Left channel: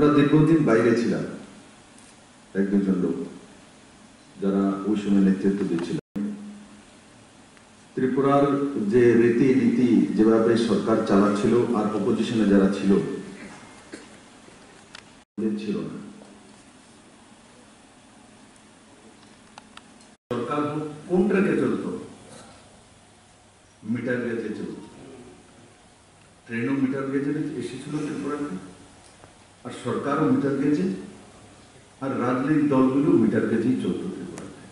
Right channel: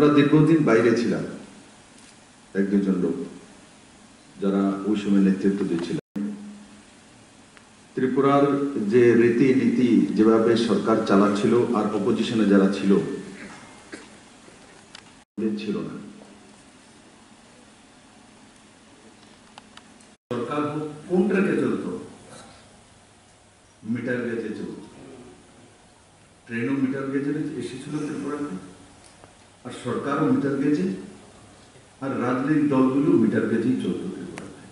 আমরা দীর্ঘদিন বাইরে ছিলাম, এক দুজন লোক যারা ওই সময় নেতৃত্ব দিচ্ছিলেন। ত্রিপুরার যে রীতিনীতি যেভাবে সরকার চালাচ্ছিল আর অপোজিশনে যারা ছিল ছিল না। সরকার কোন ট্রেকে চলতো? মিটার গেজে চলত। ট্রেনও মিটার গেজে এসেছিল ত্রিপুরাতে, আর সরকারও মিটার গেজে, আর রাজনৈতিক দলগুলো মিটার গেজেই চলত ত্রিপুরাতে।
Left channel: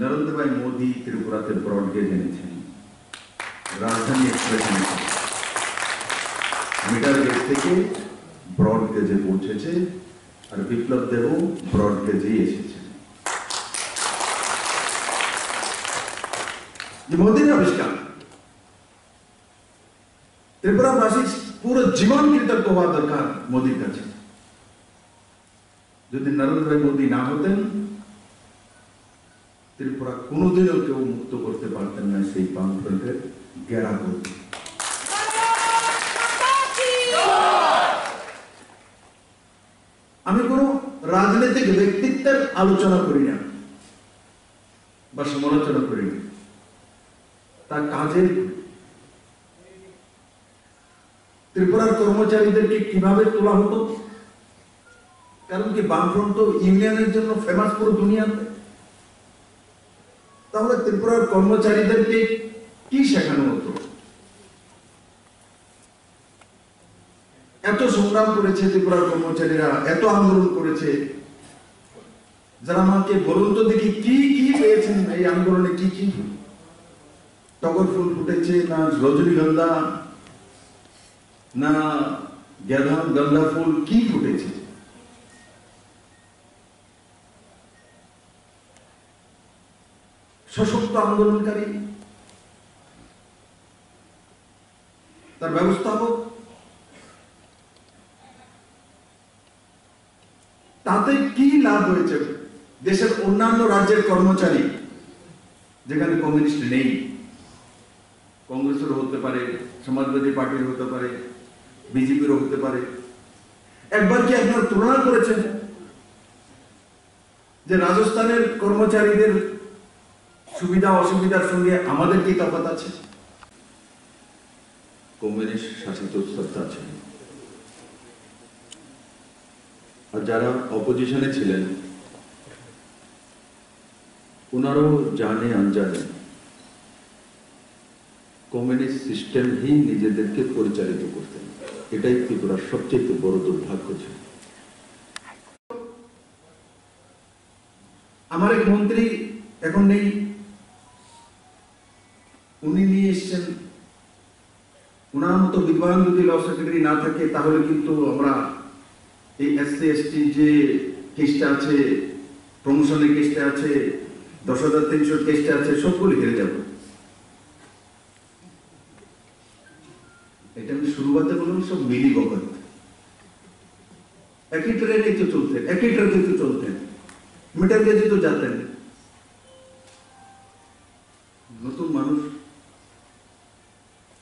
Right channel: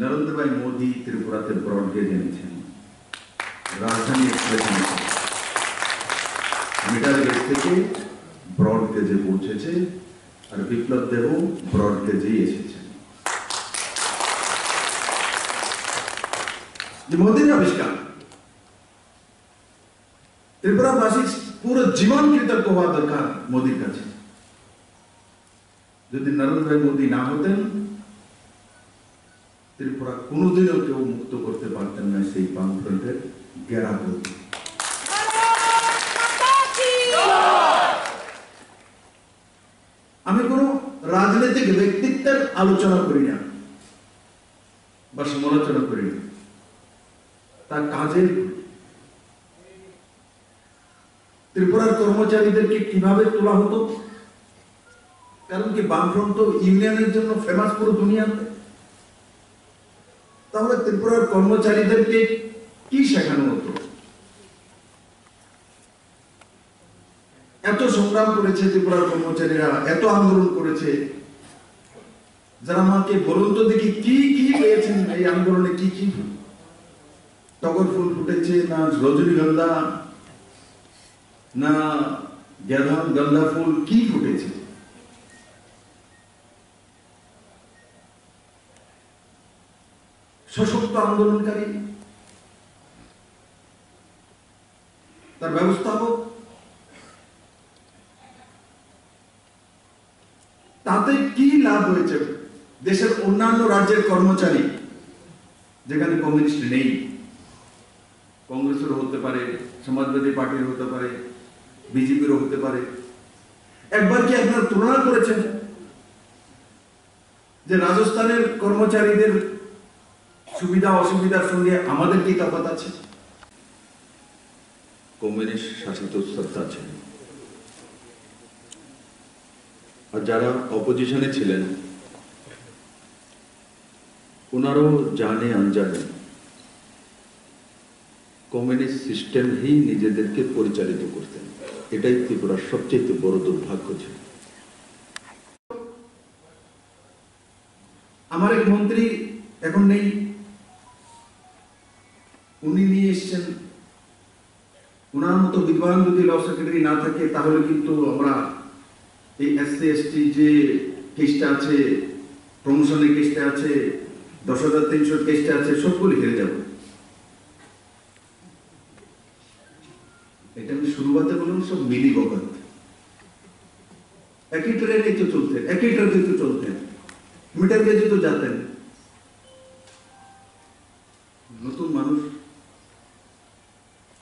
নরেন্দ্র ভাই মোদী ত্রিপুরাতে ব্রড গেজ এনেছেন, রাজধানী এক্সপ্রেস এনেছেন, মিটার গেজ থেকে ব্রড গেজে পৌঁছেছে, আর বিপ্লব দেবও ব্রড গেজেই এসেছে। যে মোদীর আবিষ্কার, ত্রিপুরাবাসী পুরো জীবন কৃতজ্ঞ হওয়া দরকার মোদীর কাছে। যদি নরেন্দ্র ভাই মোদী না হতেন, ত্রিপুরা কোনোদিনও কেউ মুক্ত করতে পারতেন না সেই বামফ্রন্টের ঘেরা করতে। আমি কোন রাজনৈতিক ব্যক্তিত্বের আলোচনা করি না বা সমালোচনা করি না, তার কাজের ত্রিপুরার কর্মচারীদেরকে কিভাবে তোলা হতো। কারণ কি বামফ্রন্ট তো ইউনিয়নের জন্য ফেমাস পুরো দুনিয়াতে। তাহলে ত্রিপুরার কর্মচারীদেরকে কি শেখানো হতো? এত সংগ্রাম করেছে ত্রিপুরার কর্মচারীরা, এত আন্দোলন করেছে, যারা আমাকে বলুন তো দেখি কি কি পেয়েছেন এই আন্দোলনে? কি কি টগর ফুল ফুটেছে, না রজনীগন্ধা, না গাঁদা ফুল, কি ফুটেছে? সশক্ত আন্দোলনকারী, তার ব্যবস্থাপক, তাতে কি লাভ হয়েছে? দেশের অন্যান্য রাজ্যের কর্মচারী, যেখানে কমিউনিস্ট নেই, কংগ্রেসের হতে পারে, সমাজবাদী পার্টির হতে পারে, বিজেপির হতে পারে, একবার কি আপনারা তুলনা করেছেন যে রাজস্থানের কর্মচারীদের সুবিধা অসুবিধার সঙ্গে আমাদের কি তফাৎ আছে? কমিউনিস্ট শাসিত সত্তা আছে, আর যারা অপোজিশনে ছিলেন ওনারাও জানে আনজানে কমিউনিস্ট সিস্টেম হি নিজেদেরকে পরিচালিত করতেন। এটাই ত্রিপুরার সবচেয়ে বড় দুর্ভাগ্য ছিল। আমার এক মন্ত্রী এখন নেই, উনি নিয়ে এসছেন, ওনার মতো বিদ্বান যদি ল সেক্রেটারি না থাকে তাহলে কিন্তু আমরা এই এসসি এসটি যে কেসটা আছে, প্রমোশনের কেসটা আছে, 10,300 কেসটা আছে, সবগুলি হেরে যাব। এটা আমি শুরুতে বললাম, সব মিলি বকত। একই ট্রেনে তো চলতেন, একই ট্রেনে তো চলতেন, মিটার গেজে তো যেতেন। নতুন মানুষ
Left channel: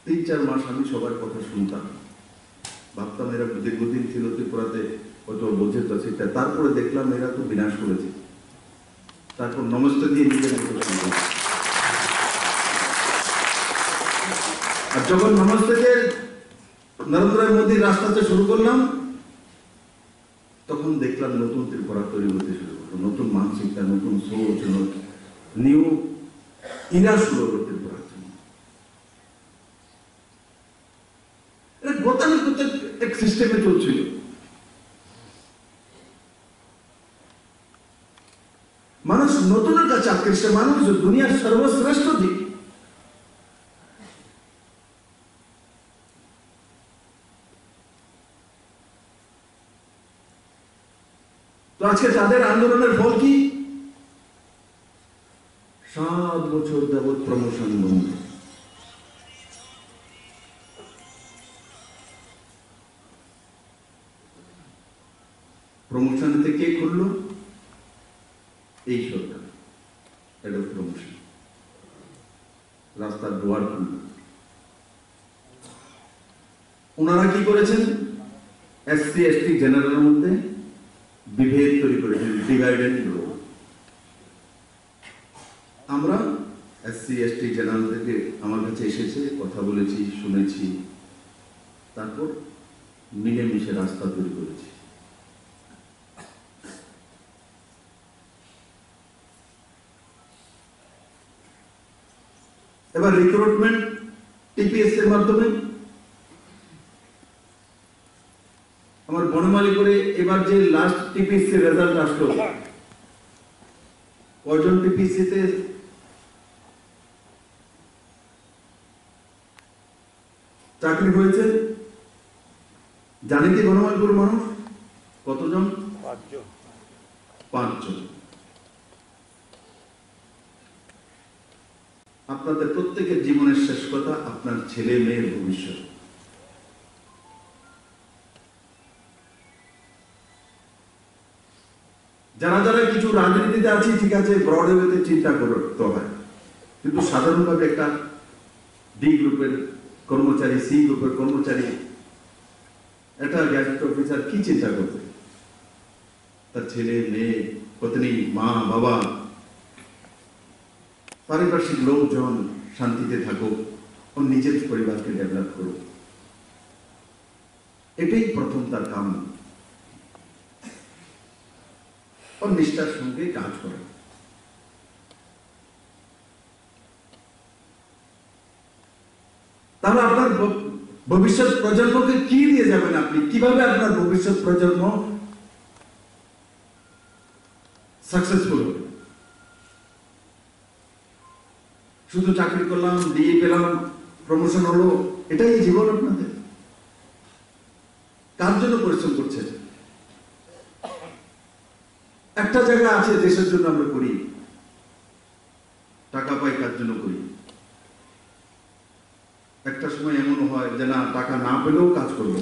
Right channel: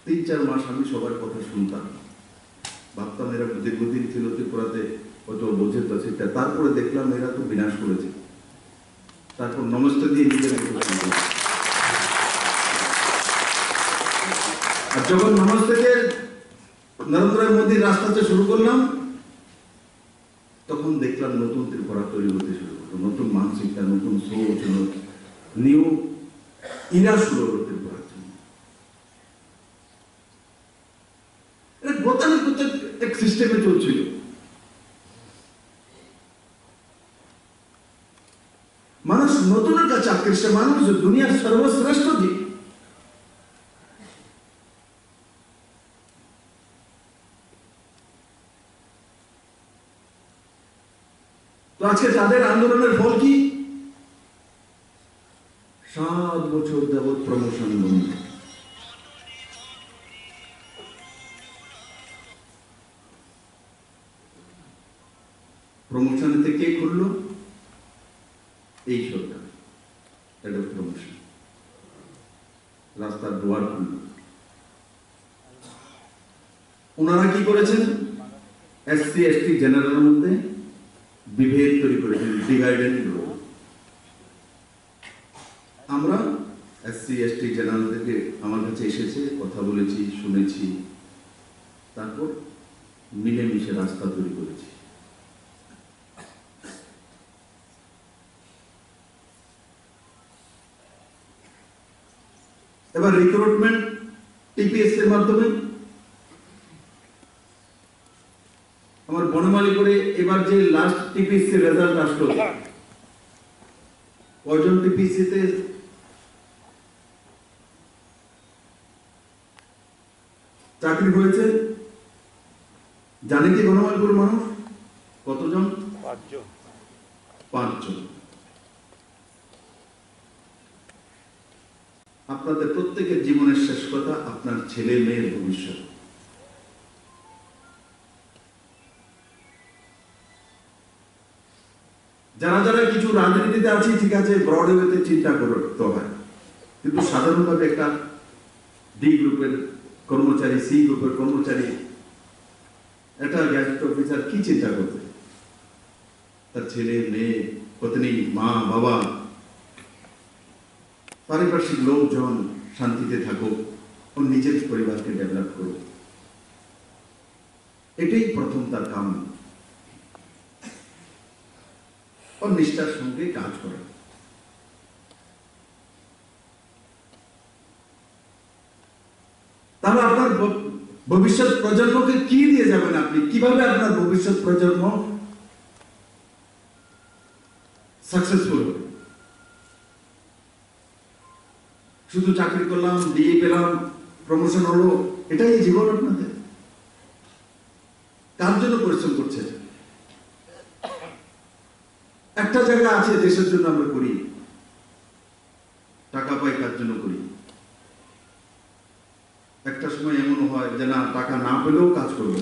3-4 মাস আমি সবার কথা শুনতাম, ভাবতাম এরা দীর্ঘদিন ছিল ত্রিপুরাতে, হয়তো বোঝে তো সেটা। তারপরে দেখলাম এরা তো বিনাশ করেছে। তারপর নমস্তে দিয়ে নিজের আর যখন নমস্তে দিয়ে নরেন্দ্র মোদীর রাস্তাতে শুরু করলাম, তখন দেখলাম নতুন ত্রিপুরা তৈরি হতে শুরু করলো, নতুন মানসিকতা, নতুন সোচ, নিউ ইরা শুরু হলো ত্রিপুরার জন্য। এটা গতানুগতিক এক সিস্টেমে চলছিল। মানুষ নতুনের কাছে আকৃষ্ট, মানুষ দুনিয়ার সর্বশ্রেষ্ঠ দিক। তো আজকে তাদের আন্দোলনের ফল কি? 7 বছর যাবৎ প্রমোশন বন্ধ। প্রমোশন থেকে খুললো এই সরকার, এটা প্রমোশন, রাস্তার দুয়ার খুলল। ওনারা কি করেছেন? এসসি এসটি জেনারেলের মধ্যে বিভেদ তৈরি করেছেন, ডিভাইড এন্ড রুল। আমরা এসসি এসটি জেনারেল থেকে আমার কাছে এসেছে, কথা বলেছি, শুনেছি, তারপর মিলেমিশে রাস্তা তৈরি করেছি। এবার রিক্রুটমেন্ট টিপিএস এর মাধ্যমে আমার বনমালী করে এবার যে লাস্ট টিপিএসসি রেজাল্ট আসলো, কয়জন টিপিএসসি তে চাকরি হয়েছে জানি কি বনমালীপুর মানুষ? কতজন? 5 জন। আপনাদের প্রত্যেকের জীবনের শেষ কথা আপনার ছেলে মেয়ের ভবিষ্যৎ। যারা যারা কিছু রাজনীতিতে আছি ঠিক আছে, ব্রড ওয়েতে চিন্তা করতে হয়, কিন্তু সাধারণভাবে একটা ডি গ্রুপের কর্মচারী, সি গ্রুপের কর্মচারী, একটা গ্যাজেট অফিসার কি চিন্তা করবে? তার ছেলে মেয়ে, পত্নী, মা বাবা, পারিপার্শ্বিক লোকজন শান্তিতে থাকুক, ওর নিজের পরিবারকে ডেভেলপ করুক, এটাই প্রথম তার কাম। ওর নিষ্ঠার সঙ্গে কাজ করে। তাহলে আপনার ভবিষ্যৎ প্রজন্মকে কি দিয়ে যাবেন? আপনি কিভাবে আপনার ভবিষ্যৎ প্রজন্ম সাকসেসফুল হবে? শুধু চাকরি করলাম, ডিএ পেলাম, প্রমোশন হলো, এটাই জীবন আপনাদের? কার জন্য পরিশ্রম করছেন? একটা জায়গা আছে দেশের জন্য আমরা করি, টাকা পাই কার জন্য করি। একটা সময় এমন হয় যে না, টাকা না পেলেও কাজ করবো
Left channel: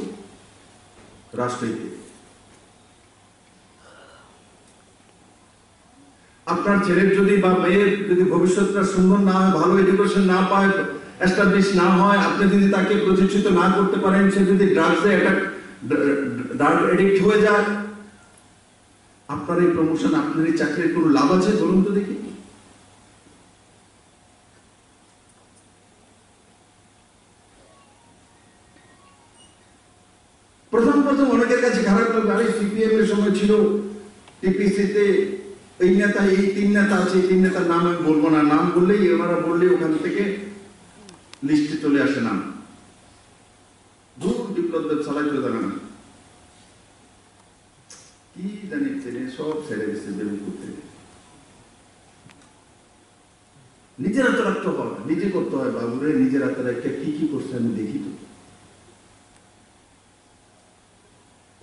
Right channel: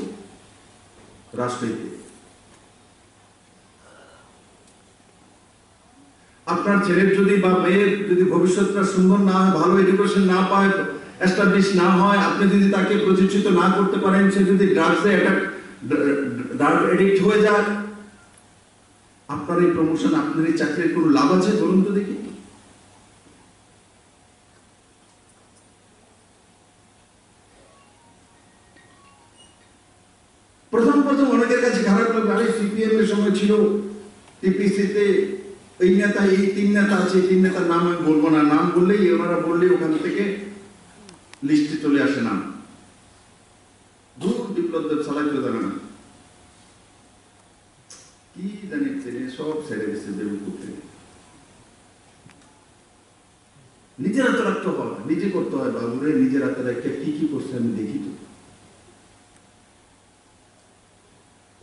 রাষ্ট্রীয়তে। আপনার ছেলের যদি বা মেয়ের যদি ভবিষ্যৎটা সুন্দর না হয়, ভালো এডুকেশন না পায়, এস্টাবলিশ না হয়, আপনি যদি তাকে প্রতিষ্ঠিত না করতে পারেন, সে যদি ড্রাগসে ড্রাগ এডিক্ট হয়ে যায়, আপনার এই প্রমোশন, আপনার এই চাকরির কোনো লাভ আছে বলুন তো দেখি? প্রথম অনেকের কাছে খারাপ লাগবে, আরে সিপিএম এর সময় ছিল টিপিসি তে এই নেতা, এই 3 নেতা আছে, 3 নেতার নাম আমি বলবো না, নাম বললেই ওনারা বললেই ওখান থেকে লিস্টে চলে আসে নাম। দূর বিপ্লবদের চালাইতে জানে না, কি জানি সব ছেড়ে দিচ্ছে দেবী করতে। নিজের হাতে রাখতে হয়, নিজে করতে হয় বাবুরে, নিজের হাতে রাখতে কি কি করছে আমি দেখি তো।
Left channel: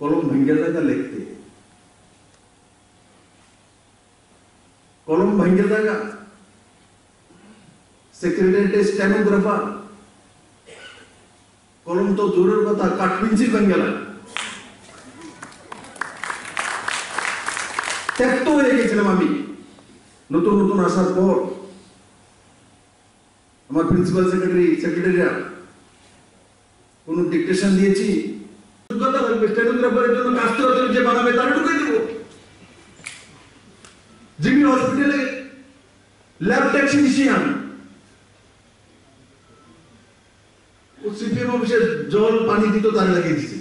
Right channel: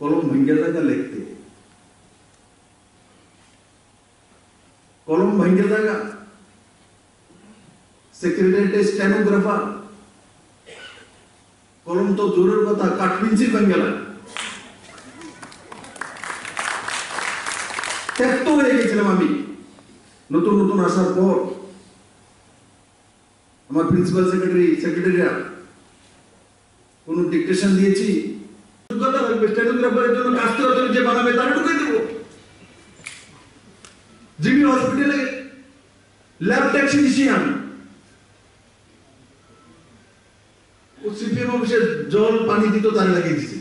কলম ভেঙ্গে দেখা লিখতে, কলম ভেঙ্গে দেখা সেক্রেটারিয়েটের স্টেনোগ্রাফার, কলম তো দূরের কথা, কাঠপিঞ্চি ভেঙ্গে লাগে। ত্যক্ত হয়ে গেছিলাম আমি নতুন নতুন আসার পর। আমার প্রিন্সিপাল সেক্রেটারিরা কোন ডিকটেশন দিয়েছি, যোগ্যতা লাগবে স্টেনোগ্রাফারের জন্য, কাস্ট যে বানাবে তারা ঢুকে দেব। জিবি হসপিটালে ল্যাব টেকনিশিয়ান, ও সিপিএম অফিসে জল পানি দিত, তার লাগিয়ে দিচ্ছে।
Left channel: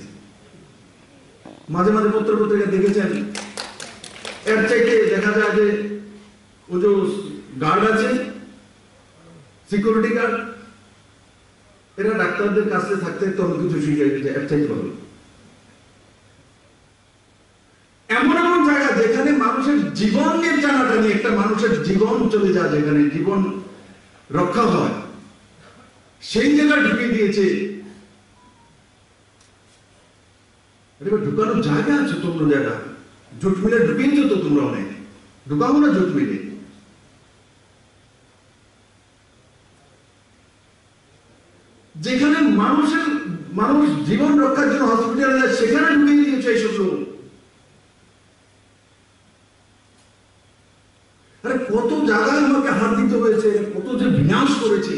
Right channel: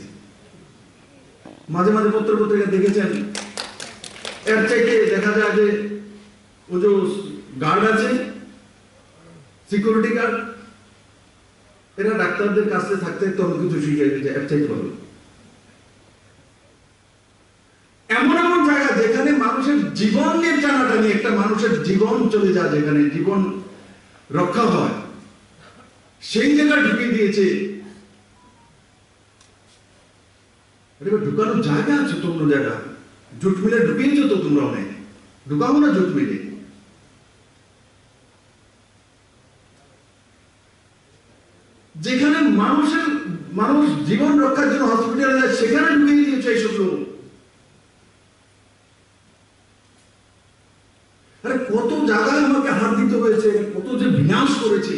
মাঝে মাঝে পত্রিকা দেখেছেন, এর চাইতে দেখা যায় যে ও যে গার্ড আছে, সিকিউরিটি গার্ড, এরা ডাক্তারদের কাছে থাকতে তো অনেক কিছু শিখে গেছে, এর চাইতে ভালো। এমন এমন জায়গা যেখানে মানুষের জীবন নিয়ে টানাটানি, একটা মানুষের জীবন চলে যায়, যেখানে জীবন রক্ষা হয়, সেই জায়গায় ঢুকিয়ে দিয়েছে। ঢুকানোর জায়গা আছে তো অন্য জায়গা, জুট মিলে ঢুকিয়েছো তো তোমরা, অনেক ঢুকাবো না জুট মিলে। যেখানে মানুষ জীবন রক্ষার জন্য হসপিটালে যায়, সেখানে ঢুকিয়ে দিয়েছে এইসব লোক। আরে কত জায়গায় আমাকে হাত দিতে হয়েছে, কত যে বিনাশ করেছে।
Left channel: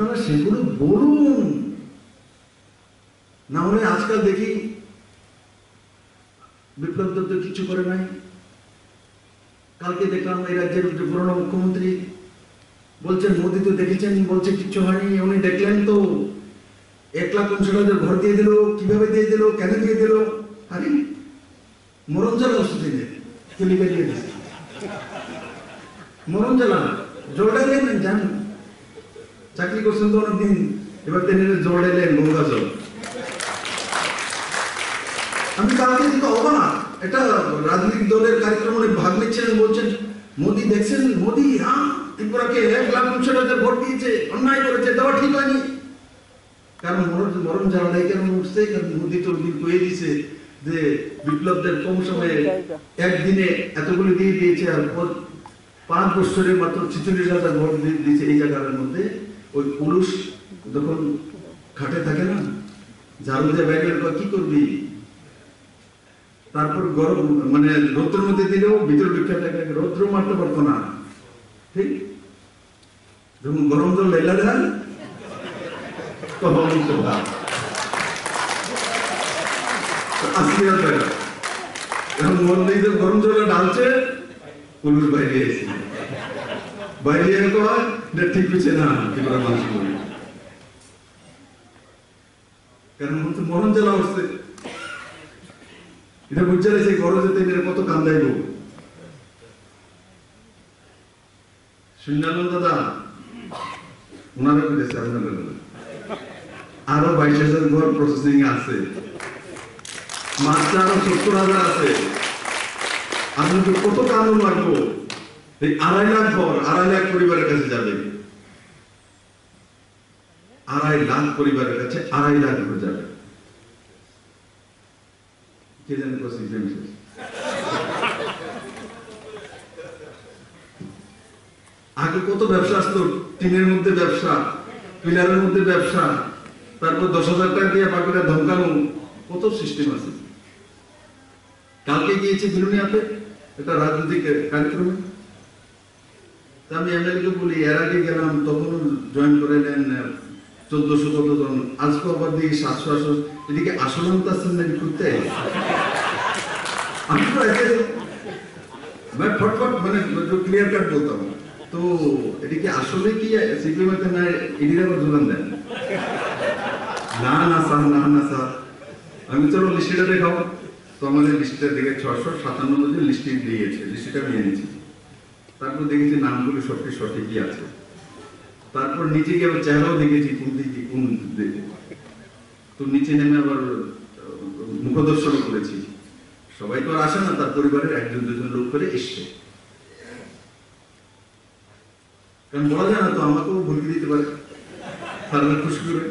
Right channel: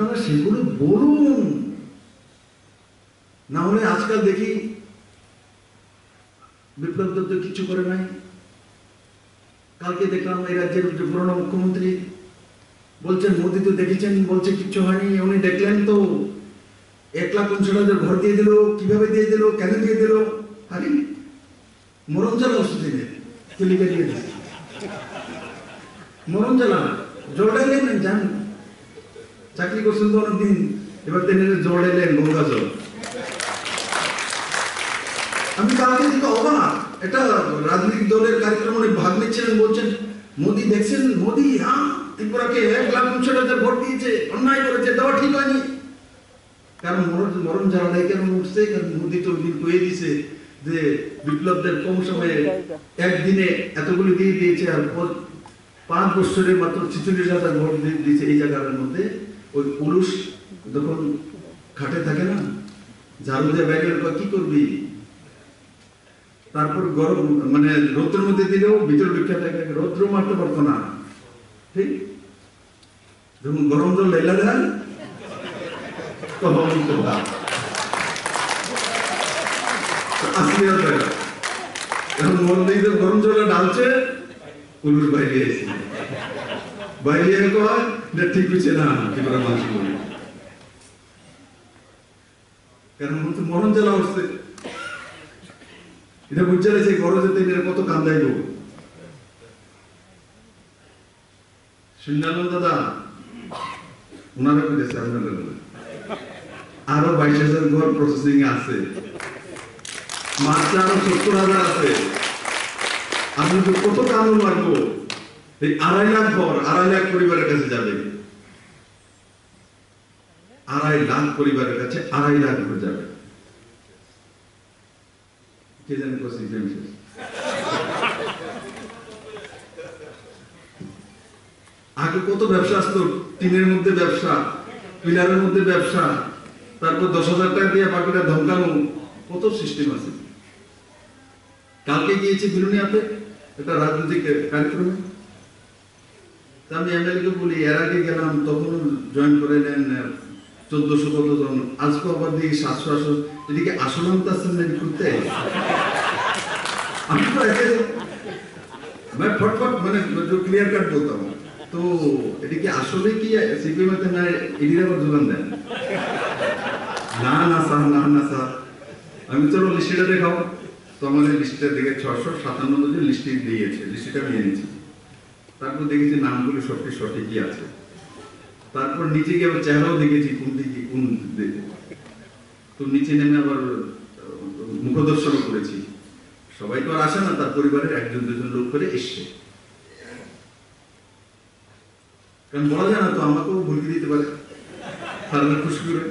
আপনারা সেগুলো বলুন, না হলে আজকাল দেখি বিপ্লব দত্ত কিছু করে নাই। কালকে দেখলাম এই রাজ্যের পুরনো মুখ্যমন্ত্রী বলছেন মোদী তো দেখেছেন, বলছে কিচ্ছু হয়নি। উনি দেখলেন তো 1,50,000 ঘর দিয়ে দিল, কিভাবে দিয়ে দিল, কেন দিয়ে দিল? আরে মরণ জ্বালা ওষুধ দিয়ে কেলিকা দিয়ে দিচ্ছে, মরণ জ্বালা জোড়াইলেন জান, চাকরি করছেন তো অনেকদিন, এবার তিনি জোড়াইলেন গঙ্গা জল। আমি কালকে দিকে অবাক, এটা রাজনৈতিক দলের কার্যক্রম উনি ভাগ নিচ্ছিলেন, বলছেন মোদী দেখছেন, মোদী হ্যাঁ ত্রিপুরাকে 1,50,000 ভোট দিয়েছে, অন্যায় করেছে, দেওয়া ঠিক হয়নি। কারণ মরণ জ্বালায় কেন উঠছে? কারণ মোদী তো দিন কয়ে দিছে যে বিপ্লবদের কম সময়ে একদিনে এতগুলো দিয়ে দিয়েছে, আর 5 বছরে মাত্র 46,000 ভোট দিয়েছে এই জায়গার মধ্যে। ওই পুরুষ যখন খাটে থাকে না, ঝাড়ু দিয়ে ব্যাগের কি করবি, তারপর গরম মানে রৌদ্রের মধ্যে দিলেও ভিতর বিখ্যাত থাকে, রৌদ্র মারতে পারতো না, ঠিক? যখন গরম জল লেলা দেন তখন এখন মন্দির গরম জলে ঢালছে, পুরুষ বাইরে এসে বাইরে কয় ঠিক হচ্ছে না, ত্রিপুরা মানুষ কারণ মরণ জ্বালা হচ্ছে। এটা বুঝতে চাইছে ঘরে যেতে কত কান্দাইব। শুনলাম দাদা ওনারা বলেছে আপনারা আরো 22,000 ঘর প্রসেসিং আছে, মাত্র আরো 70,000 আছে। আপনি কত কানুন লাগবো? এই 2.5 লাখ ঘর 2.5 লাখ পরিবারের কাছে যাবে, 2.5 লাখ পরিবারের কাছে 2.5 লাখ ঘর যাবে। কে জানে আগে কত ব্যবসা আসতো, টিনের মধ্যে ব্যবসা, পিলারের মধ্যে ব্যবসা, তারপর 10,000 টাকা দিয়ে বাকিটা ধমকানো, কত সিস্টেম আছে। কালকে গিয়েছি বিরুনিয়াতে একটা রাজনৈতিক কার্যক্রমে, আমি এমএলএ কে বলি, এর আগে গেলাম তখন জয়েন করে নেন 1400 কতজন, আজকে আবার দিকে 700। এদিকে আসলাম তার সামনে করতে আমি তো ফটফট মানে ক্লিয়ার কাট বলতাম, তো এদিকে আসলে কি সিপিএম এতে না এদিকে আবার জোগান দেন, না না স্যার, না না স্যার। আমি চলো লিস্টটা দেখাও, তো আমাদের লিস্টটা দেখে 657 জন লিস্টে দিয়েছে, লিস্টটা নিয়ে নিয়েছি। তারপর দেখেছি নামগুলো সবটি সঠিকই আছে। তারপর নিচে গিয়ে আবার চেহারাও দেখেছি কোন দিকে কোন দিকে, তো নিচে নেমে আবার মুখদর্শন করেছি। সবাই তো আর আসে না, তার পরিবারের 1-2 লোক করে এসছে, কারণ বলা যায় না তো, আমাকেও ভুলকে দিতে পারে, তার খুশি করে।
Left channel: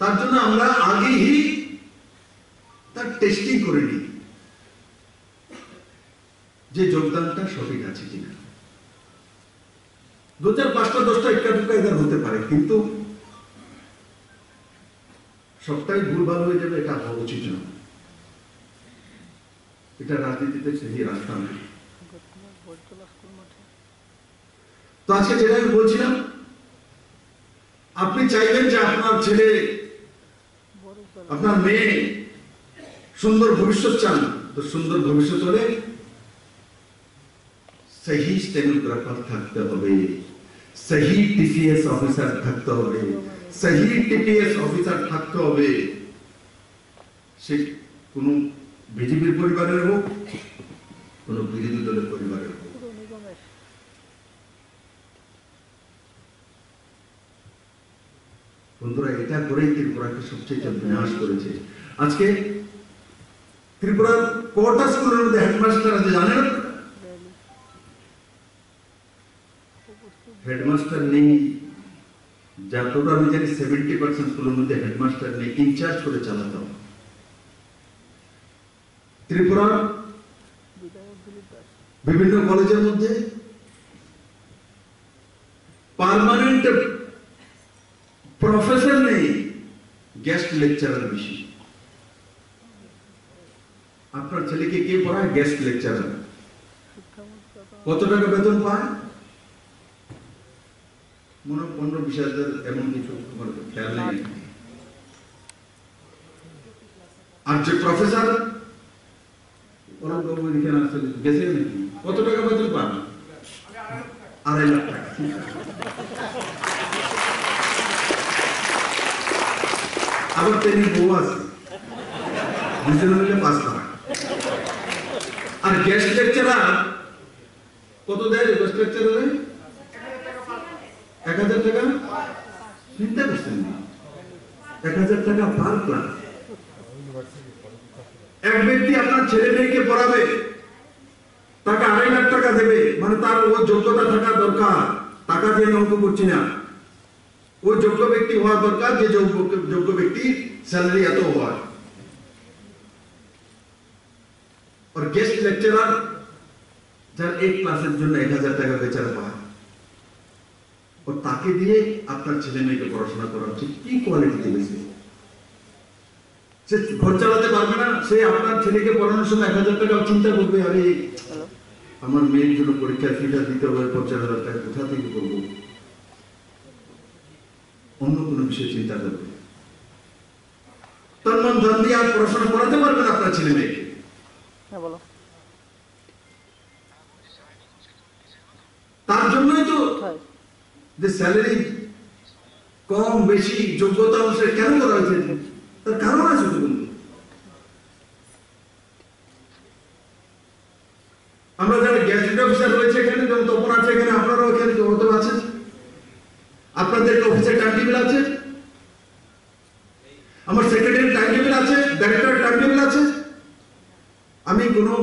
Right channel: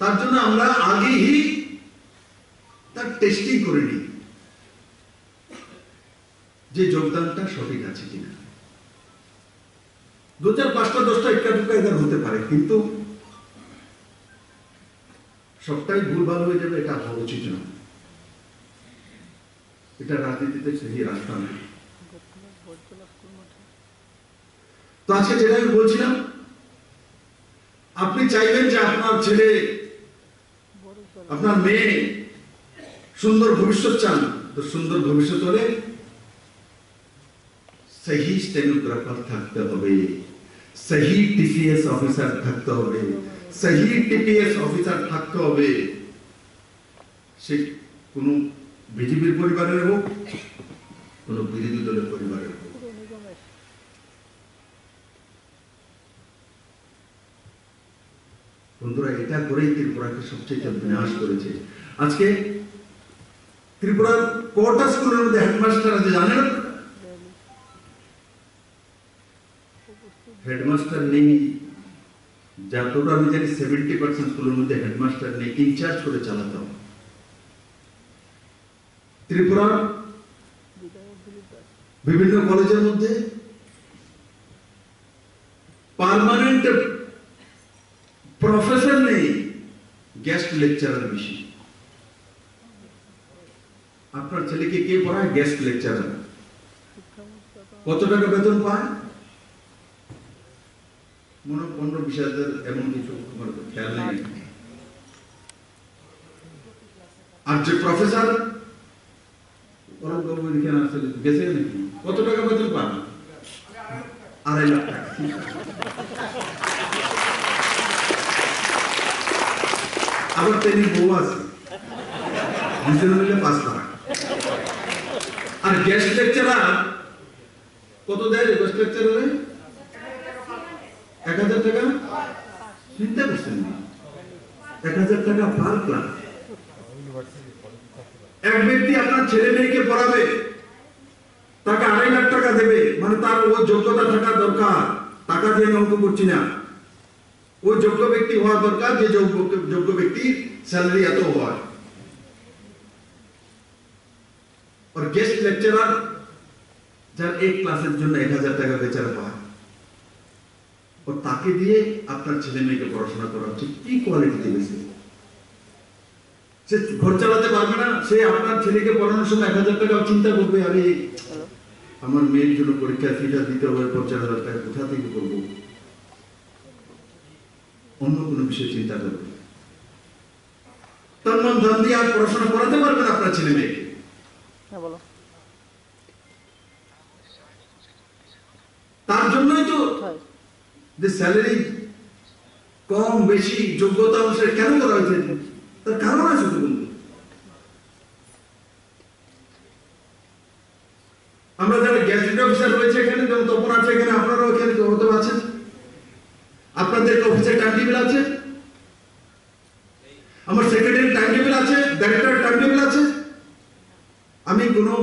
তার জন্য আমরা আগেই তার টেস্টিং করে নিই যে যোগদানটা সঠিক আছে কিনা। 2-4, 5টা 10টা একটা দুটা এদের হতে পারে, কিন্তু সবটাই ভুলভাল হয়ে যাবে, এটা হওয়া উচিত না। এটা রাজনীতিতে সেই রাস্তা নেই। তো আজকে যেটা আমি বলছিলাম, আপনি চাইবেন যে আপনার ছেলে, আপনার মেয়ে সুন্দর ভবিষ্যৎ চান, তো সুন্দর ভবিষ্যৎ হলে সহি স্টেনোগ্রাফার থাকতে হবে, সহি টিসিএস অফিসার থাকতে হবে, সহি টিপিএস অফিসার থাকতে হবে। সে কোন বিজেপির পরিবারের হোক, কোন বিরোধী দলের পরিবারের হোক। বন্ধুরা, এটা করেই ত্রিপুরাকে সবচেয়ে বিনাশ করেছে। আজকে ত্রিপুরার কটা স্কুলের মধ্যে হেডমাস্টার আছে জানেন? হেডমাস্টার নেই, যতটা আমি জানি 70% স্কুলের মধ্যে হেডমাস্টার নেই, ইনচার্জ করে চালাতে হবে। ত্রিপুরার বিভিন্ন কলেজের মধ্যে পার্মানেন্ট প্রফেসর নেই, গেস্ট লেকচারার বেশি। আপনার ছেলেকে কে পড়ায়? Guest lecturer. কত টাকা বেতন পায়? 15,000 এমন কিছু আমার খেয়াল নেই। আর যে প্রফেসর অলকবাবু এখানে আসলে গেছে নাকি, কত টাকা বেতন পান? 2.5 লাখ টাকা। আবার তিনি বউ আছে, দুজনে মিলে 5 লাখ। আর গেস্ট লেকচারার কত দেয়? গেস্ট লেকচারারে 1,000 টাকা। চিন্তা করছেন, 1,000 টাকা পার ক্লাস। এক ব্যক্তি আপনার ছেলে মেয়েকে পড়াবে, তাকে 2.5 লাখ টাকা দেবে, মানে তার ও যোগ্যতা থাকা দরকার। টাকা দিয়ে অঙ্ক করছি না, ওই যোগ্য ব্যক্তি হওয়া দরকার, যে যোগ্য ব্যক্তি স্যালারি এত হয়। और गेस्ट लेक्चरर যার এক ক্লাসের জন্য 1,000 টাকা বেচারা পায়, ও তাকে দিয়ে আপনার ছেলে মেয়েকে পড়াশোনা করা হচ্ছে, কি কোয়ালিটি দেবে? সে ঘর চালাতে পারবে না, সে আপনার ছেলেকে পড়ানোর সময় 1,000 টাকা চিন্তা করবে, আরে আমার মেয়ের জন্য পরীক্ষার ফিটা দিতে হবে 50,000 টাকা, কোথা থেকে করবো? অন্য কোনো বিষয়ে চিন্তা করবে। তন্মন ধন দিয়ে আর পড়াশোনা করাতে পারবেন আপনার ছেলে মেয়েকে। তার জন্যই তো যে স্যালারি কম বেশি যোগ্যতা অনুসারে কেন করা হয়েছে, তার কারণ আছে তো। আমরা যারা গ্যাজেট অফিসার রয়েছে এখানে, যেমন তপন আছে এখানে, আপনারাও এখানে হতে আছেন, আপনাদের অফিসের টাইম টেবিল আছে, আমার সেক্রেটারি টাইম টেবিল আছে, ডাইরেক্টর টাইম টেবিল আছে। আমি কোনো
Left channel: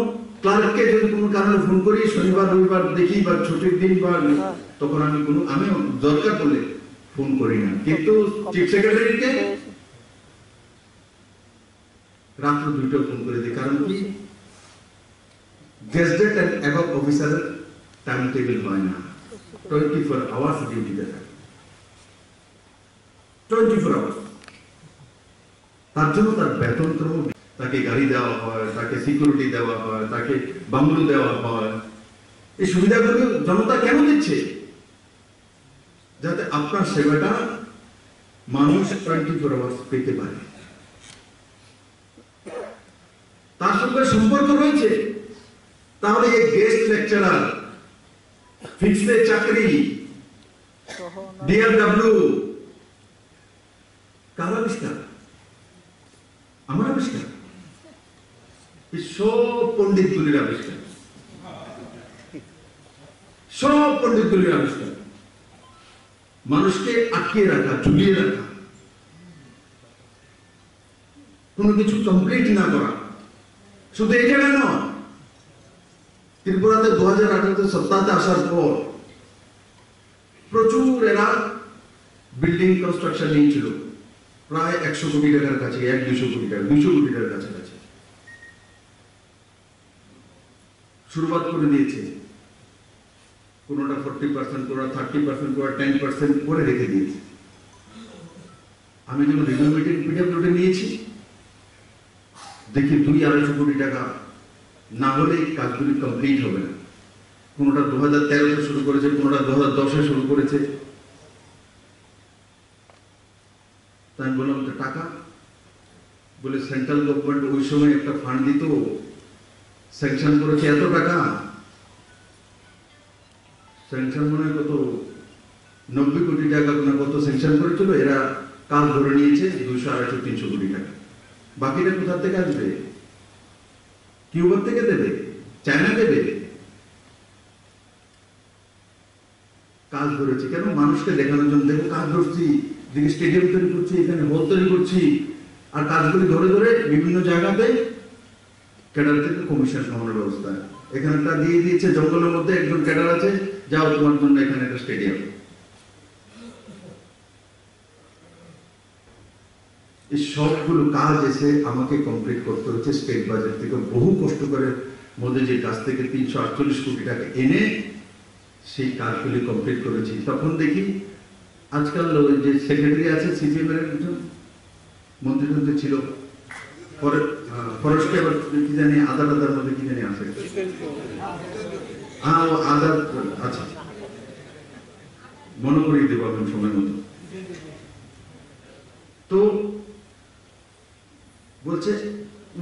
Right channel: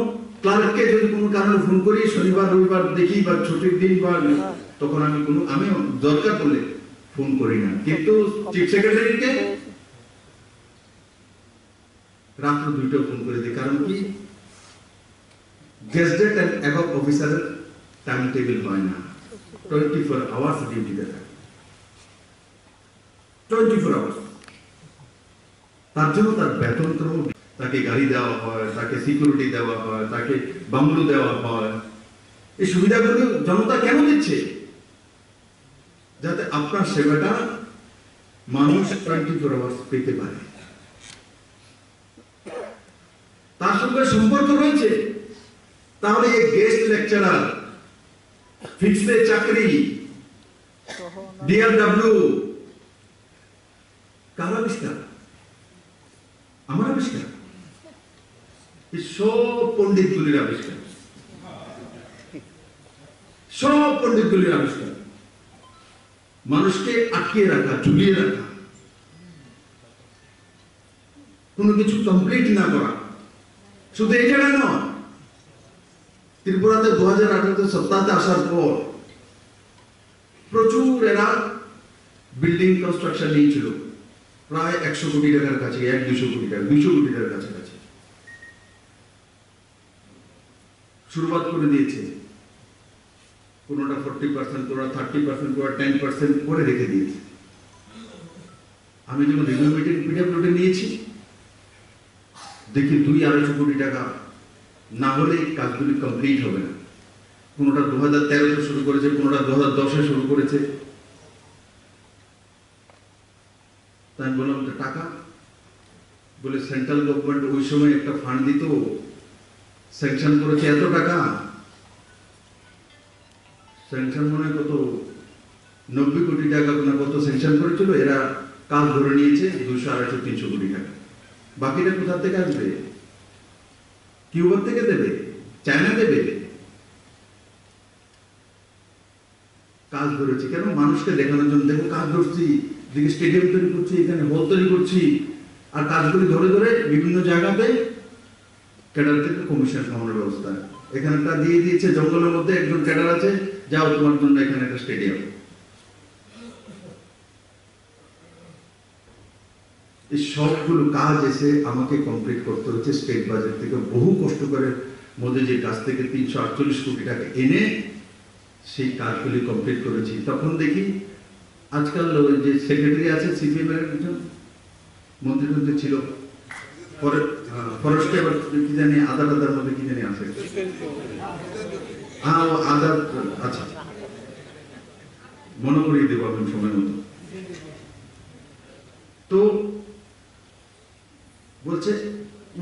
ক্লার্ককে যদি কোনো কারণে ফোন করি, শনিবার রবিবার দেখি বা ছুটির দিন, বা তখন আমি দরকার পড়লে ফোন করি না, কিন্তু চিফ সেক্রেটারিকে রাত্র 2টায় ফোন করে দিই। কারণ কি, গেজেট এন্ড অ্যাবভ অফিসারের টাইম টেবিল হয় না, 24 আওয়ার্স ডিউটিতে থাকে, 24 আওয়ার্স। তার জন্য তার বেতন ক্রম, তাকে গাড়ি দেওয়া হয়, তাকে সিকিউরিটি দেওয়া হয়, তাকে বাংলো দেওয়া হয়। এই সুবিধাগুলো জনতা কেন দিচ্ছে? যাতে আপনার সেবাটা মানুষ 24 আওয়ার্স পেতে পারে। তার সঙ্গে সম্পর্ক রয়েছে। তাহলে এই গেস্ট লেকচারার, ফিক্সড চাকরি, ডিআরডব্লিউ কার আবিষ্কার? আমার আবিষ্কার? সব পণ্ডিতগুলির আবিষ্কার, সব পণ্ডিতগুলির আবিষ্কার। মানুষকে আটকে রাখা, ঝুলিয়ে রাখা, কোনো কিছু কমপ্লিট না করা। শুধু এই জায়গায় নয়, ত্রিপুরাতে 2018 সপ্তাহে আসার পর প্রচুর এরা বিল্ডিং কনস্ট্রাকশন নিয়েছিল, প্রায় 100 কোটি টাকার কাছে, 100-200 কোটি টাকা, 200 কোটি টাকার কাছাকাছি শুরুয়াত করে দিয়েছে। কোনোটা 40%, কোনোটা 30%, কোনোটা 10% করে রেখে দিয়েছে। আমি যখন রিভিউ মিটিং পিডব্লিউডি নিয়েছি, দেখি 200-250 কোটি টাকা না হলে কাজগুলি কমপ্লিট হবে না। কোনোটা 2013-তে শুরু করেছে, কোনোটা 2010-এ শুরু করেছে। তাই আমি বললাম, টাকা বলে সেন্ট্রাল গভর্নমেন্ট ওই সময় একটা ফান্ড দিত, স্যাংশন করেছে এত টাকা, স্যাংশন মনে হয় কত 90 কোটি টাকা না কত স্যাংশন করেছিল। এরা কাজ ধরে নিয়েছে 200, 250, 300 কোটি টাকা। বাকিটা কোথা থেকে আসবে? কিউবার থেকে দেবে, চায়না দেবে? কাজ ধরেছি কেন? মানুষকে দেখানোর জন্য। দেখো কাজ ধরছি, দিকে স্টেডিয়াম তৈরি করছি, এখানে হল তৈরি করছি, আর কাজগুলি ধরে ধরে বিভিন্ন জায়গাতে ক্যাডার থেকে কমিশন খাওয়ানোর ব্যবস্থা। এখানটা দিয়ে দিয়েছে জঙ্গলের মধ্যে, একজন ক্যাডার আছে, যাও তোমার জন্য এখানে একটা স্টেডিয়াম। এই সবগুলো কাজ এসে আমাকে কমপ্লিট করতে হচ্ছে স্টেট বাজেট থেকে, বহু কষ্ট করে মোদীজির কাছ থেকে 348 কোটি টাকা এনে সেই কাজগুলি কমপ্লিট করেছি। তখন দেখি আজকাল যে সেক্রেটারি আছে সিপিএম এর একজন মন্ত্রী ছিল, ফরেস্টে আবার কি জানি আদার মধ্যে কি জানি আছে, হ্যাঁ ও আদার, আচ্ছা মনে করিয়ে দেবো এখন সময় মতো। তো বলছে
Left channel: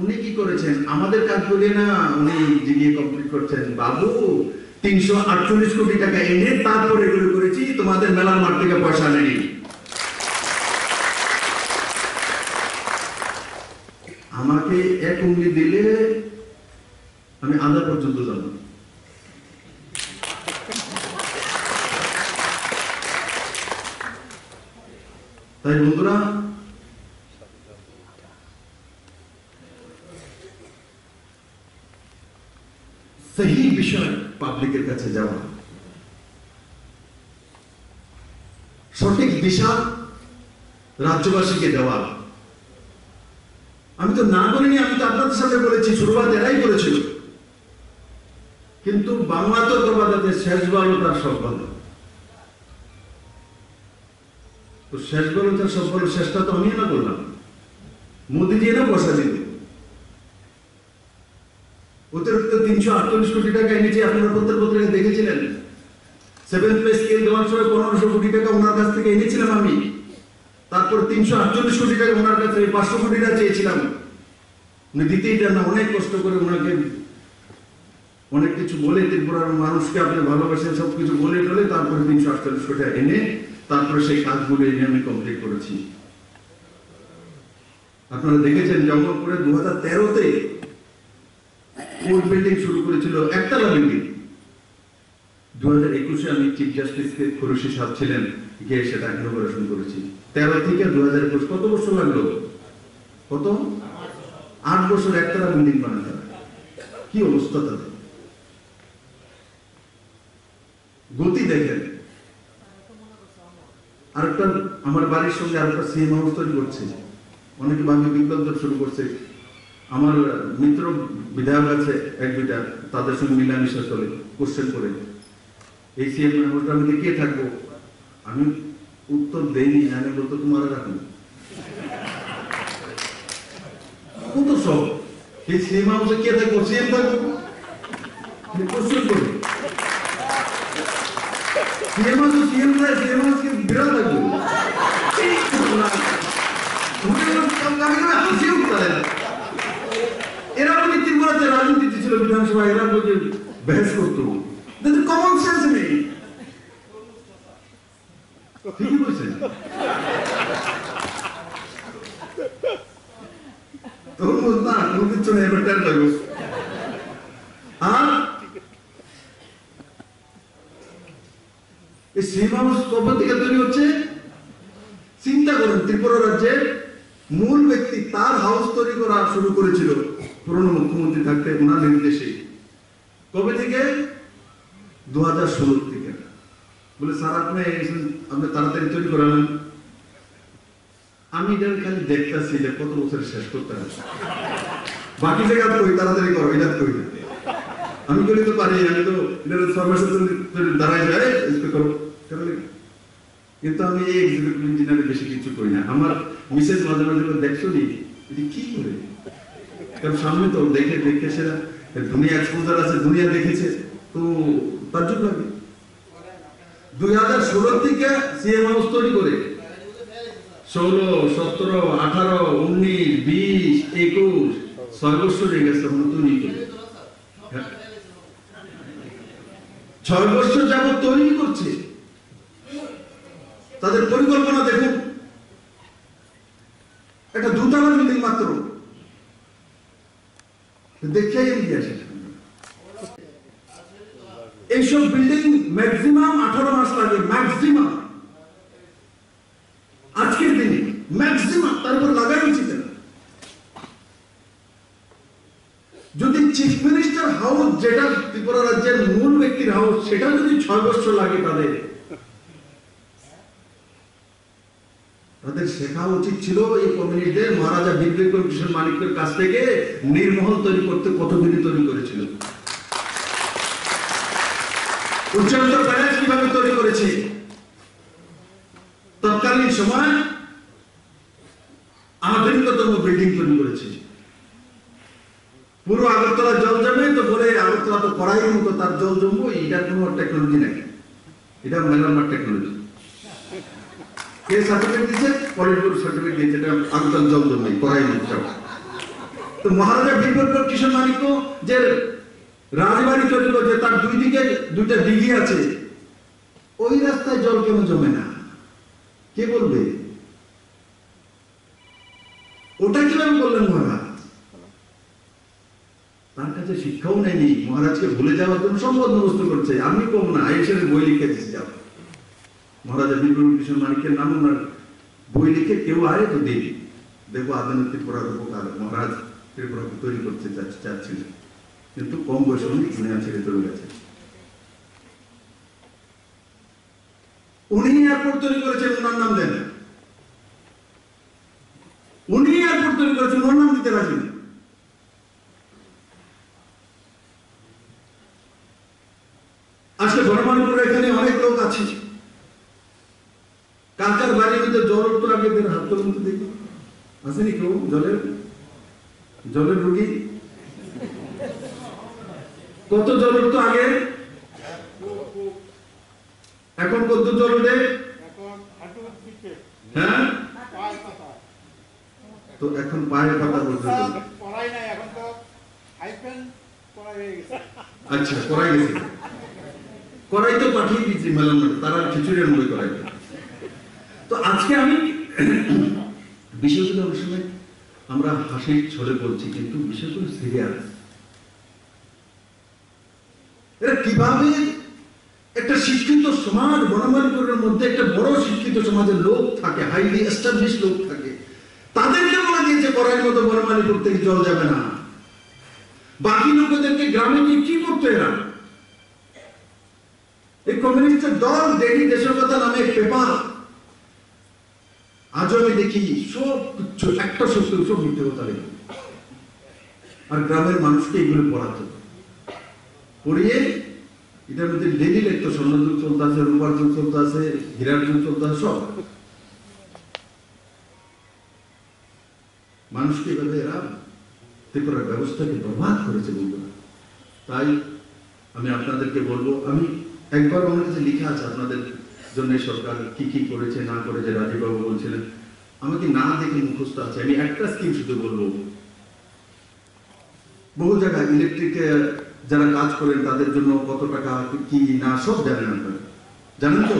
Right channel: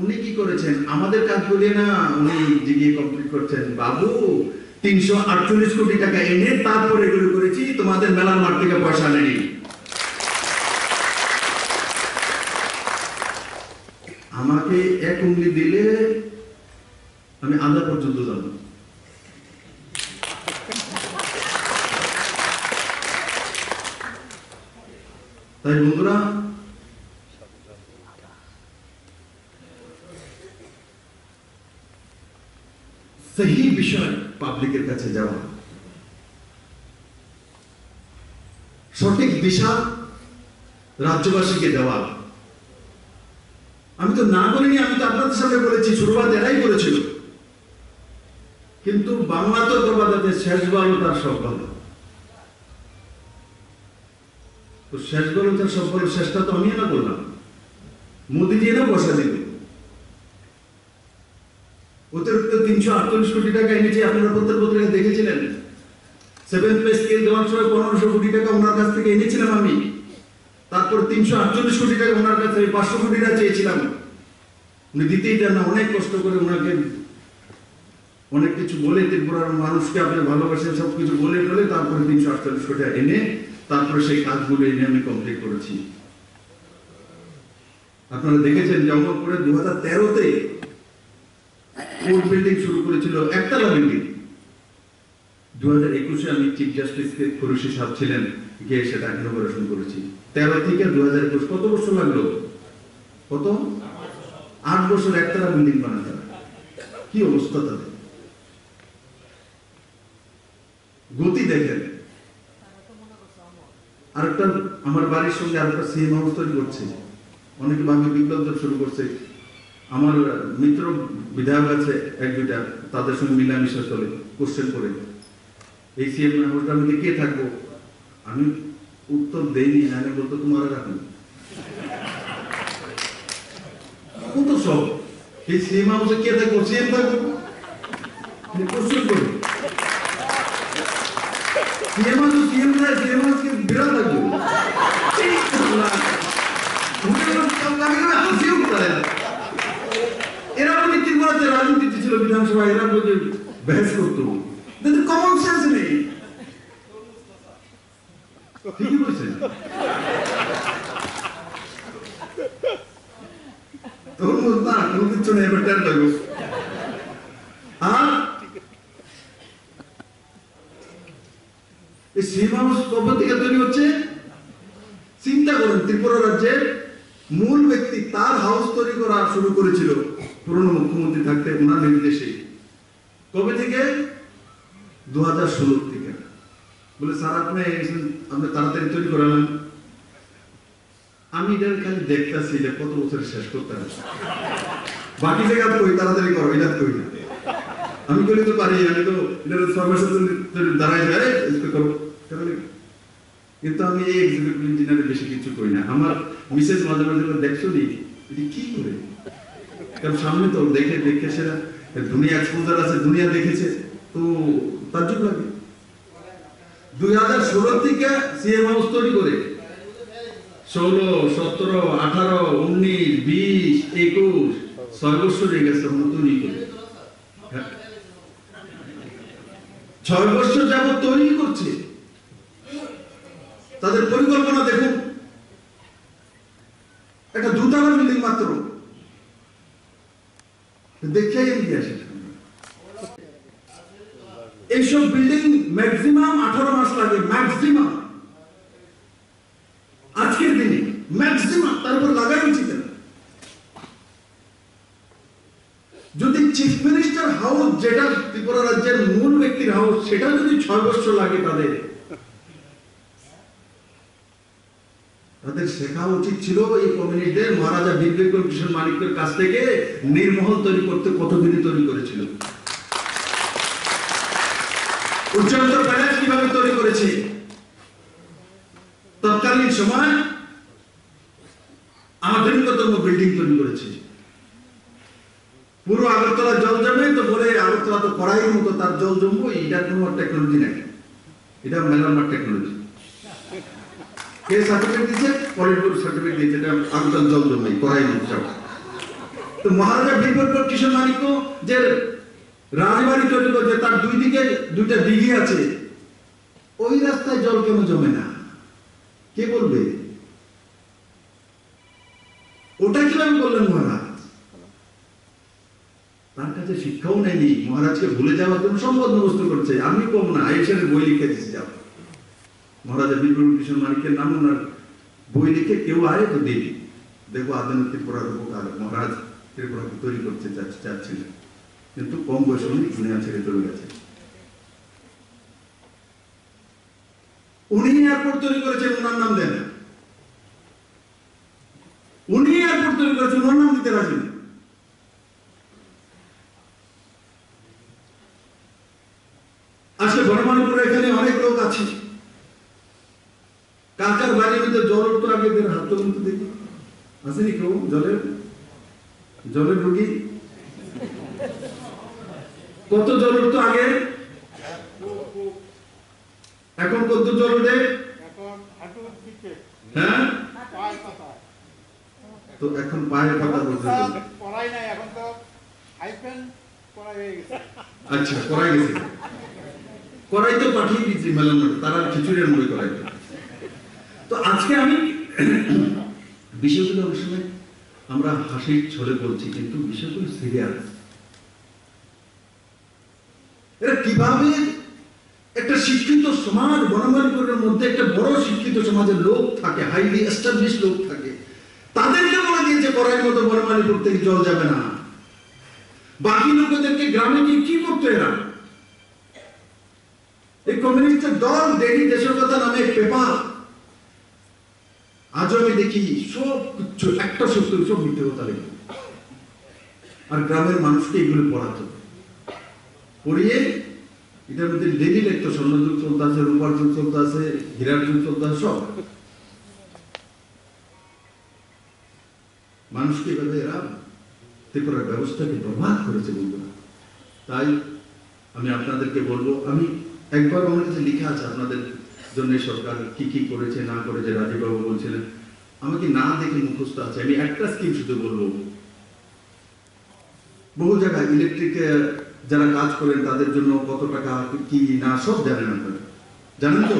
উনি কি করেছেন, আমাদের কাজ বলে না উনি জিগিয়ে কমপ্লিট করছেন। বাবু 348 কোটি টাকা এনে তারপরে এগুলো করেছি, তোমাদের মেলার মাঠ থেকে পয়সা নেই। আমাকে এক উঙ্গলি দিলে আমি আধা পর্যন্ত যাব। তাই বন্ধুরা, সহি বিষয় পাবলিকের কাছে যাওয়া, সঠিক দিশা রাজ্যবাসীকে দেওয়া। আমি তো না বলিনি, আমি তো আপনাদের সামনে বলেছি, শুরুয়াত এরাই করেছিল। কিন্তু বাংলা তো প্রবাদে শেষ ভালো তার সব ভালো। তো শেষ ভালো তার সব ভালো, শেষটা তো আমি না করলাম, মোদীজি না বসা দিল। অতিরিক্ত 348 কোটি টাকা এনেছে, আপনারা পত্রিকায় দেখেছিলেন। 7 পে স্কেল দেওয়ার সময় 1500 কোটি টাকা ওনার কাছ থেকে এনেছিলাম আমি। তারপর 348 কোটি টাকা ওনার কাছ থেকে 500 কোটি টাকা চেয়েছিলাম, উনি দিতেই দেন না। অনেক কষ্ট করে ওনাকে অনেক কিছু বলে, ত্রিপুরার মানুষকে আপনি ভালোবাসেন সবকিছু বলে টলে তারপরে 348 কোটি টাকা এনে তারপরে সেই কাজগুলো এনে আমি কমপ্লিট করেছি। আপনারা দেখেছেন জঙ্গলপুরে 2013-তে কোর্ট বিল্ডিং শুরু করেছিল, একতলা বিল্ডিং। 2021-এ আমি চিফ জাস্টিসকে খুরশি সাহেব ছিলেন, গিয়ে সেটা ইনোগ্রেশন করেছি। 13 থেকে 2021 কত বছর লাগলো? কত? 8 বছর একতলা বিল্ডিং বানাতে। কি অবস্থা তাদের, গতি দেখেন। আরেকটা আমার বাড়ির সঙ্গে আরেকটা সিএম হাউস তৈরি করছে, অনেকে ভাবে বিপ্লব শুরু করছে। আমার মিত্র বিধায়ক আছে এক দুইটা, তাদের সঙ্গে মিলামিশা চলে, কোশ্চেন করে এই সিএম হাউসটার মধ্যে কে থাকবো? আমি উত্তর দেইনি, আমি বলতো তোমার রাখুন। কত সব এই সিএম হাউসে কে থাকবো? সিএম থাকবো, কোশ্চেন করে সিএম হাউস, সিএম না, সিএম হাউসকে বিরাট থাকবো। এরা বলে ত্রিপুরাতে রাজনীতি ছিল বিধানসভা, এরা বলে বহস করতো, কমন সেন্স নেই। ঠিকই বলছেন। তখন না কোনো কিছু নেই, এবার টের লাগবে। আর এই সিএম হাউস কবে থেকে তৈরি হচ্ছে? চিন্তা করেন, ত্রিপুরা রাজ্যের মূল ব্যক্তি তার হাউস তৈরি করা শুরু করেছিল পুরনো মুখ্যমন্ত্রী থাকতে, ওনার নির্দেশে। কবে থেকে? 2016 থেকে। বলে স্যার আপনি তাড়াতাড়ি তৈরি করালেন। আমি এটা খালি দেখতেছি যে কত বছর শেষ করতে হবে, বাকি জায়গা কই তাড়াতাড়ি করো, এটা কই না। আমি বলি তো পারি, আমি তো এটা দাঁড়ায় যায় করো। কিন্তু আমি এই এক্সিকিউটিভ ইঞ্জিনিয়ারের বেশি কিছু করি না। আমার মিসেস মাঝে মাঝে দেখছো নি এটি কি করে, কারণ সামনে তো দেখে দেখে সেটা দুনিয়া এক্সপোজার আছে, দুনিয়া দেখেছে, তো তাজ্জব লাগে। 2016 থেকে সিএম হাউস তৈরি করে 16, 17, 18, 19, 20, 21 6 বছর হয়ে গেছে তৈরি করে। 6 বছর যাবত তৈরি করছে। তাদের পরিকল্পনা দেখুন, একটা 2 তলা বিল্ডিং মাত্র, দেখে এগিয়ে আসে। এইসব বিল্ডিং ম্যাক্সিমাম 18 মাস লাগে, ম্যাক্সিমাম আজকের দিনে ম্যাক্সিমাম, তারপর লাগাই উচিত না। যদি চিফ মিনিস্টার হাউস, যেটা ত্রিপুরা রাজ্যের মূল ব্যক্তির হাউস, সেটা যদি 6 বছর লাগে, তাদের শেখা উচিত ছিল এই কমিউনিটিদের মহারাজা বীর বিক্রম কৃষ্ণ মানিকের কাছ থেকে নির্মহল তৈরি করতে কতদিনই তৈরি করেছিল, উচ্চতর প্যালেস কিভাবে তৈরি করেছে। তৎকালীন সময় আধুনিকতম বিল্ডিং তৈরি করেছে। পুরো আগরতলা জল জমে তো বলে আগরতলা তো কড়াইয়ের মতো তার জল জমবো, এটা কোনো টেকনোলজি নাই, এটা মেলামার টেকনোলজি। কে সার্টিফিকেট দিয়েছে? পলিটব্যুরো সার্টিফিকেট দিয়েছে, এটা আগুন জল জমে করাই দিচ্ছে। তো মহারাজা বীরবল কিশোর মানিক্য যে রাজবাড়ি তৈরি করেছে, তার দুই দিকে দুইটা দিঘি আছে, ওই রাস্তায় জল কেন জমে না? কে বলবে? ওটা কিভাবে বললেন মহারাজ? তার কাছে শিক্ষাও নেয়নি, মহারাজকে ভুলে যাওয়ার জন্য সব বন্দোবস্ত করছে। আমি কম না, আইসের বই লিখে দিচ্ছি। যাও মহারাজা বীরবল কিশোর মানিক্যের নাম ওনার বই লিখে কেউ আয় তো দিন, দেখো আধুনিক ত্রিপুরার উপকার মহারাজ ত্রিপুরাকে তৈরি করতে চাচ্ছিলেন, কিন্তু কম বয়সে উনি দুনিয়া ছেড়ে চলে গেছে। উনি এয়ারপোর্ট তৈরি করেছেন, ওনার নাম দেন। উনি এয়ারপোর্ট তৈরি করেছেন, ওনার নাম দিতে রাজি না। আজকে বনমালীপুরে এখানে অনেক লোক আছে, কার কার বাড়ির মধ্যে জল উঠতো আগে হাত তুলুন তো দেখি, আসেনি কেউ? জলের রুগী কত জল উঠতো আগে? এখন কত জল উঠে? হ্যাঁ, তো এখন পায়ের পাতা বলতে আচ্ছা করাই গেছে, করাই তো পাঠিয়ে দিয়েছি মেলান, তারা খিচুড়ি আনবে করাই। তো আজকে আমি বিষয়গুলো অনেক সময় আমরা হাসির ছলে বলছি, কিন্তু বিষয়গুলো সিরিয়াস। এরা কিভাবে একটা শিক্ষিত সমাজ, বনমালীপুরের মধ্যে একটা বড় শিক্ষিত সমাজের লোক থাকে, হাইলি এস্টাবলিশ লোক থাকে, তাদেরকে বলে দিয়েছে করার মতো বনমালীপুর থেকে জল যাবে না। বাকি লোকদেরকে গ্রামে গিয়ে কি করতো এরা? এই কমিউনিস্টের দল ডেলি দেশের কথা নামে পেপার, আজও আমি দেখি সব কিছু একটা সত্য, সব মিথ্যে কথা লেখে, আর গ্রামের মানুষকে এগুলো পড়াতো, পড়িয়ে এটার মধ্যে ডেলি লিখতো স্বর্ণযুগ চলতে আছে, রূপার যুগ চলতে আছে, হীরার যুগ চলতে আছে, সব মানুষকে এভাবে এরা ত্রিপুরার ব্যবস্থাকে বরবাদ করেছে বন্ধুরা। তাই আমি আপনাদেরকে বলবো, আমি একবার আমার কাছে লেখা আছে আপনাদের জন্য সরকার কি কি করেছে না করেছে, রাজীব বাবু বলছিলেন, আমাকে না দেখে মুখস্থ আছে। আমি একটা স্কিম শুধু বলবো, বহু জায়গায় ইলেকট্রিকে যারা কাজ করেন তাদের জন্য কত টাকা কি না সব জানেন আপনারা, জানেন তো?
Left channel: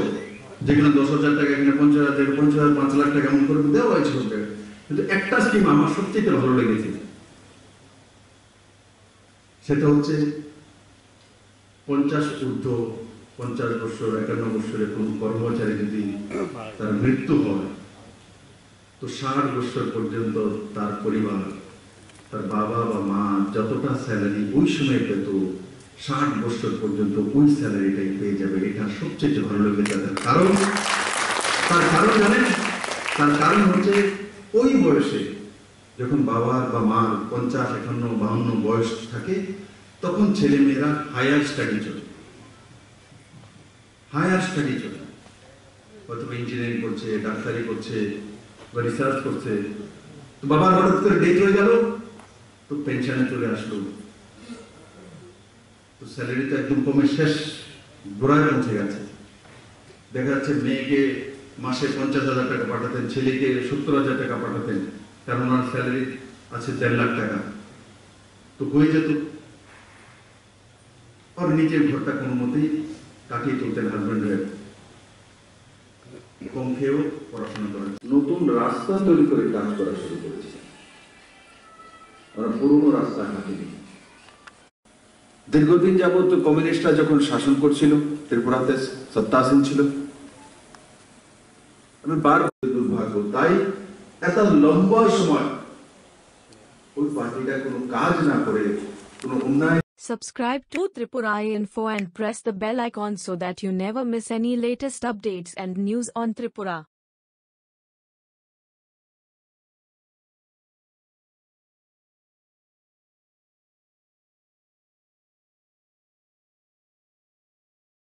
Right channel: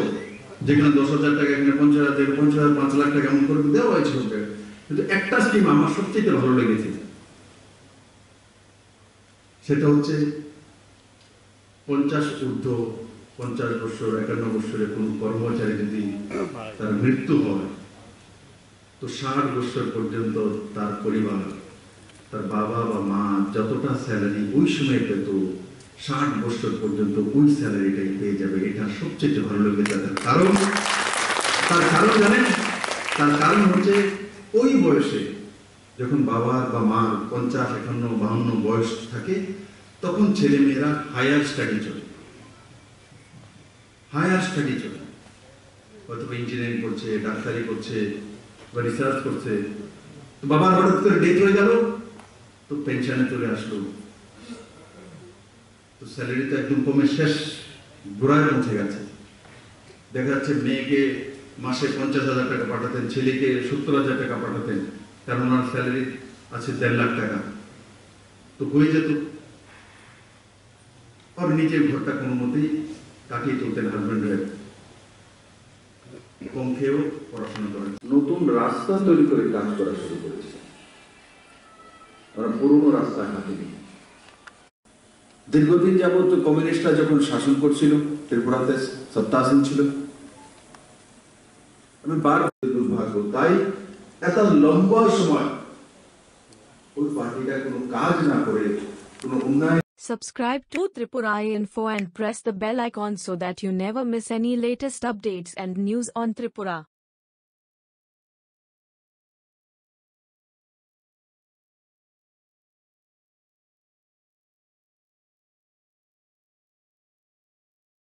যেখানে 10,000 টাকা, এখানে 50,000, 50,000, 5 লাখ টাকা এমন করে দেওয়া হয়েছে। কিন্তু একটা স্কিম আমার সবচেয়ে ভালো লেগেছে, সেটা হচ্ছে 50 ঊর্ধ্ব 50 বছর 51 বছরের কোন কর্মচারী যদি তার মৃত্যু হয়, তো 60 বছর পর্যন্ত তার পরিবার, তার বাবা বা মা যতটা স্যালারি ওই সময় পেত, 60 বছর পর্যন্ত ওই স্যালারিটাই পেয়ে যাবে। এটা সবচেয়ে ভালো লাগে তাদের। তার কারণ জানেন? তার কারণ হচ্ছে ওই বয়সে যখন বাবার বা মার 50, 51, 52 বয়স থাকে, তখন ছেলে মেয়েরা হায়ার স্টাডি চলে, অথবা ইঞ্জিনিয়ারিং করছে, ডাক্তারি করছে বা রিসার্চ করছে। তো বাবার হঠাৎ করে ডেথ হয়ে গেল, তো পেনশনে চলে আসলো, তো স্যালারি তো একদম কমে শেষ গোড়ায় পৌঁছে গেছে। দেখা যাচ্ছে মেয়েকে মাসে 50,000 টাকা পাঠাতেন, ছেলেকে 70,000 টাকা পাঠাতেন, কারণ ওনার স্যালারি আছে 1.5 লাখ টাকা, তো হয়ে যেত। আর নিজের ঘরটা কোনো মতেই কাটিয়ে তুলতেন, হাজবেন্ডের কম খেয়েও পড়াশোনা করেন। নতুন রাস্তা তৈরি করে কাজ করা শুরু করেছে, ওরা পুরনো রাস্তা হাঁটেনি। দীর্ঘদিন যাবত কমিউনিস্টরা যখন শাসন করছিল ত্রিপুরাতে, সত্তাসীন ছিল, আমি দুর্ভাগ্য, তাই এত লম্বা সময় ওই পার্টিটা কোনো কাজ না করে কোনো উন্নয়ন। Subscribe to Tripura Info and press the bell icon so that you never miss any latest updates and news on Tripura.